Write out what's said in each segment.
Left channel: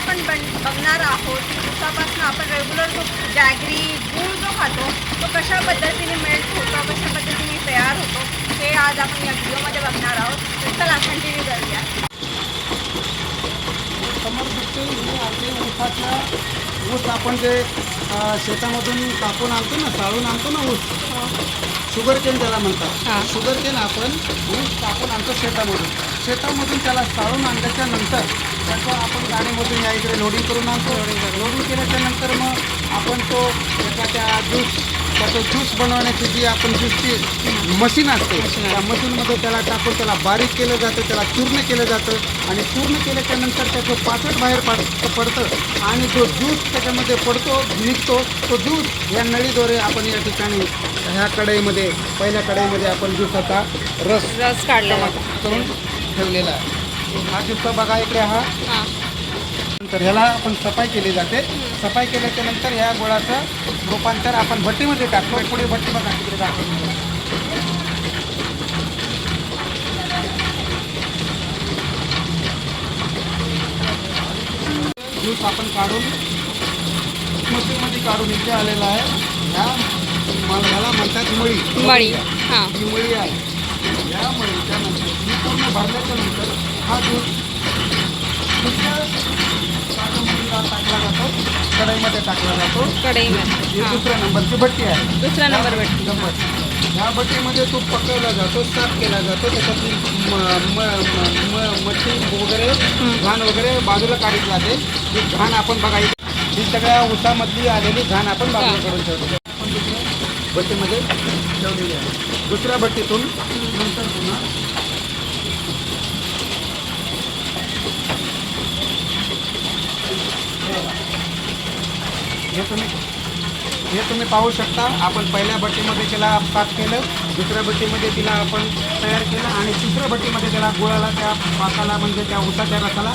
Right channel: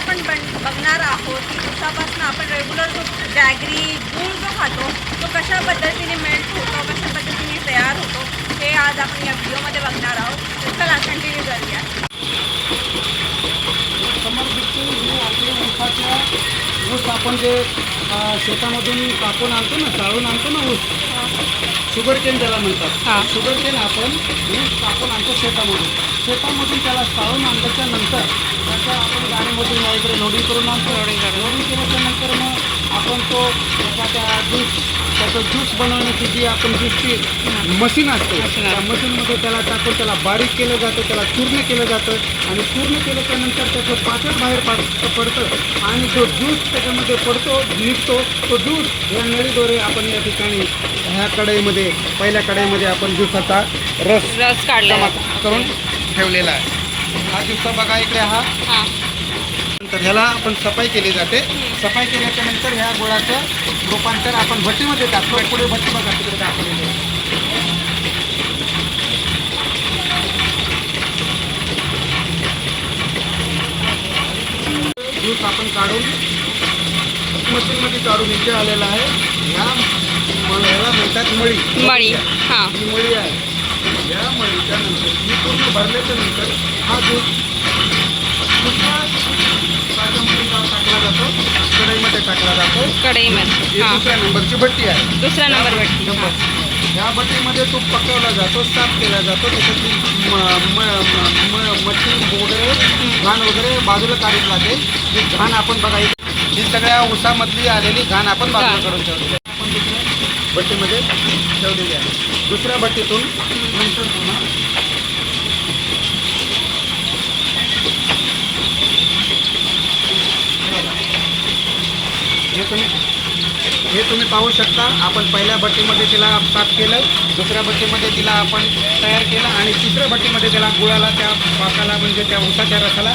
आपण बघणार आहोत की ऊसापासून आपण रेग्युलर जो जॅगरी गूळ जो खातो तो कशा पद्धतीने मेल्ट होतो, कशा पद्धतीने तयार होतो, हे आज आपण या व्हिडिओमध्ये बघणार आहोत. तर चला कंटिन्यू करूया. समोर दिसते हे आपले ऊस आपण जे शेतामधून कापून आणतो ना, चाळून आणतो ना ऊस, शुगर केन त्याला म्हणतात. शुगर केन आपण ऊस कापून आणतो शेतामधून त्याला चाळून आणल्याच्या नंतर त्याचं आपण गाडीमधून या इकडे लोडिंग करून आणतो. लोडिंग केल्याच्या नंतर मग आपण तो एखाद्या त्याचं ज्यूस बनवण्याची जी आपण ज्यूसची मशीन असते त्या मशीनमध्ये त्याला टाकून त्याला बारीक केलं जातं, त्याला चूर्ण केलं जातं आणि चूर्ण केल्याच्या नंतर त्याचं पाचट बाहेर पडतं आणि जो ज्यूस त्याच्यामध्ये पडतो निघतो तो ज्यूस या नळीद्वारे आपण या ठिकाणी ह्या कढईमध्ये पहिल्या कढईमध्ये आपण ज्यूसाचा रस काढला करून ठेवलेला आहे. हा दिवसा बघा इकडे हा. तर ह्याला आपण सफाई केली जाते. सफाई केल्याच्या नंतर ह्या गुळाचं रूपांतर आपण भट्टीमध्ये टाकतो. पुढे भट्टी बघा तिकडे टाकलेली आहे. ज्यूस आपण काढून मशीनमध्ये काढून इथे आलेला आहे. ह्याला म्हणतात मळी. ही मळी आहे. या मळीच्या नंतर ही पूर्ण भरल्याच्या नंतर हा ज्यूस कढईमध्ये टाकला जातो. दुसऱ्या नंबरची भट्टी आहे. दुसरा नंबर भट्टी. ह्या भट्टीमध्ये तूप पकवला जातो, साफ केला जातो. त्याच्यातली मच्छी वगैरे घाण वगैरे बाजूला काढली जाते. ही घाण आपण बघायची, ही सगळ्या ऊसामधली आलेली घाण आपण बाजूला करून ठेवली आपण दुसऱ्या भट्टीमध्ये ठेवलेली आहे. दुसऱ्या भट्टीतून नंतर पुन्हा हे तुम्ही पाहू शकता. आपण पहिल्या भट्टीमध्ये तिला साफ केलं, दुसऱ्या भट्टीमध्ये तिला आपण तयार केलं आणि तिसऱ्या भट्टीमध्ये त्याला गुळाला त्या पाकाला म्हणजे त्या ऊसाच्या रसाला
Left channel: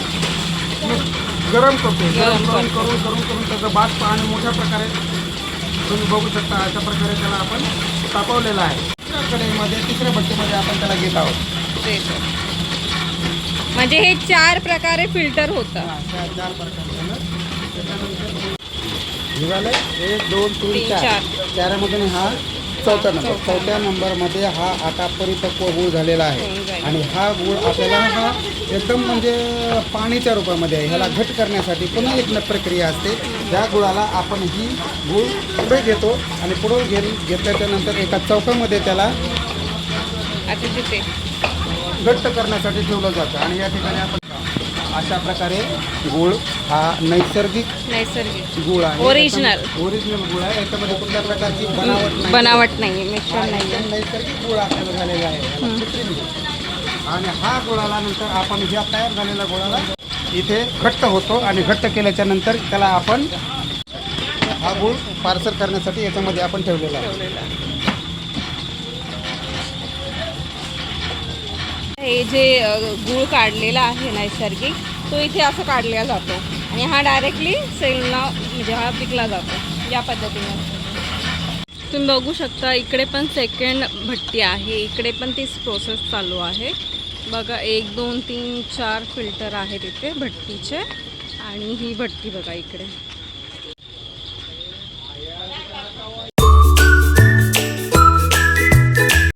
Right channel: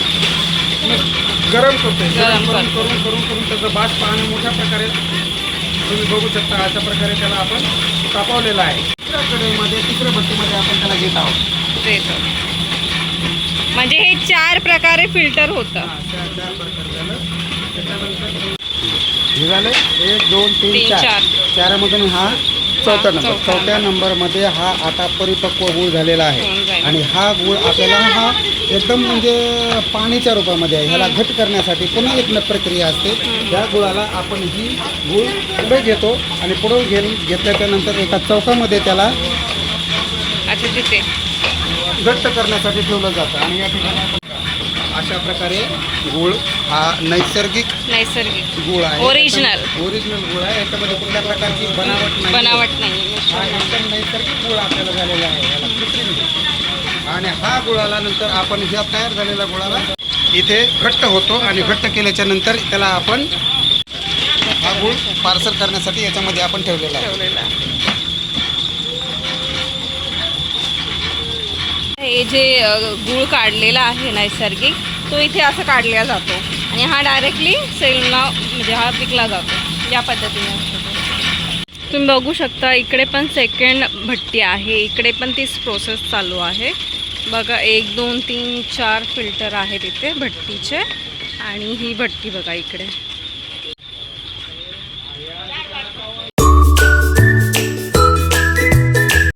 गरम करतो. गरम करून त्याचं बाष्प आणि मोठ्या प्रकारे तुम्ही बघू शकता. अशा प्रकारे त्याला आपण तापवलेलं आहे. तिसऱ्या कढईमध्ये तिसऱ्या भट्टीमध्ये आपण त्याला घेत आहोत. म्हणजे हे 4 प्रकारे फिल्टर होतं. 4 प्रकार झालं. त्याच्यानंतर झालं 1 2 3 4 4मधून हा चौथा नंबर. चौथ्या नंबरमध्ये हा आता परिपक्व गूळ झालेला आहे आणि हा गूळ आपल्याला हा एकदम म्हणजे पाणीच्या रूपामध्ये आहे. ह्याला घट करण्यासाठी पुन्हा एक प्रक्रिया असते. त्या गुळाला आपण ही गूळ पुढे घेतो आणि पुढे घेतल्याच्या नंतर एका चौथ्यामध्ये त्याला तिथे घट्ट करण्यासाठी ठेवलं जातं आणि या ठिकाणी आपण अशा प्रकारे गूळ हा नैसर्गिक गूळ आहे. ओरिजिनल गूळ आहे. याच्यामध्ये कुठल्या प्रकारची बनावट नाही. नैसर्गिक गूळ आपल्याला झालेला आहे आणि हा गुळाला नंतर आपण ह्या तयार झालेल्या गुळाला इथे घट्ट होतो आणि घट्ट केल्याच्या नंतर त्याला आपण हा गूळ पार्सल करण्यासाठी याच्यामध्ये आपण ठेवलेला आहे. हे जे गूळ काढलेला आहे नैसर्गिक तो इथे असं काढला जातो आणि हा डायरेक्टली सेलला म्हणजे हा विकला जातो. या पद्धतीने असतो. तुम्ही बघू शकता इकडे पण सेकंड भट्टी आहे. इकडे पण तीच प्रोसेस चालू आहे. बघा 1 2 3 4 फिल्टर आहेत इथे भट्टीचे आणि ही भट्टी बघा इकडे.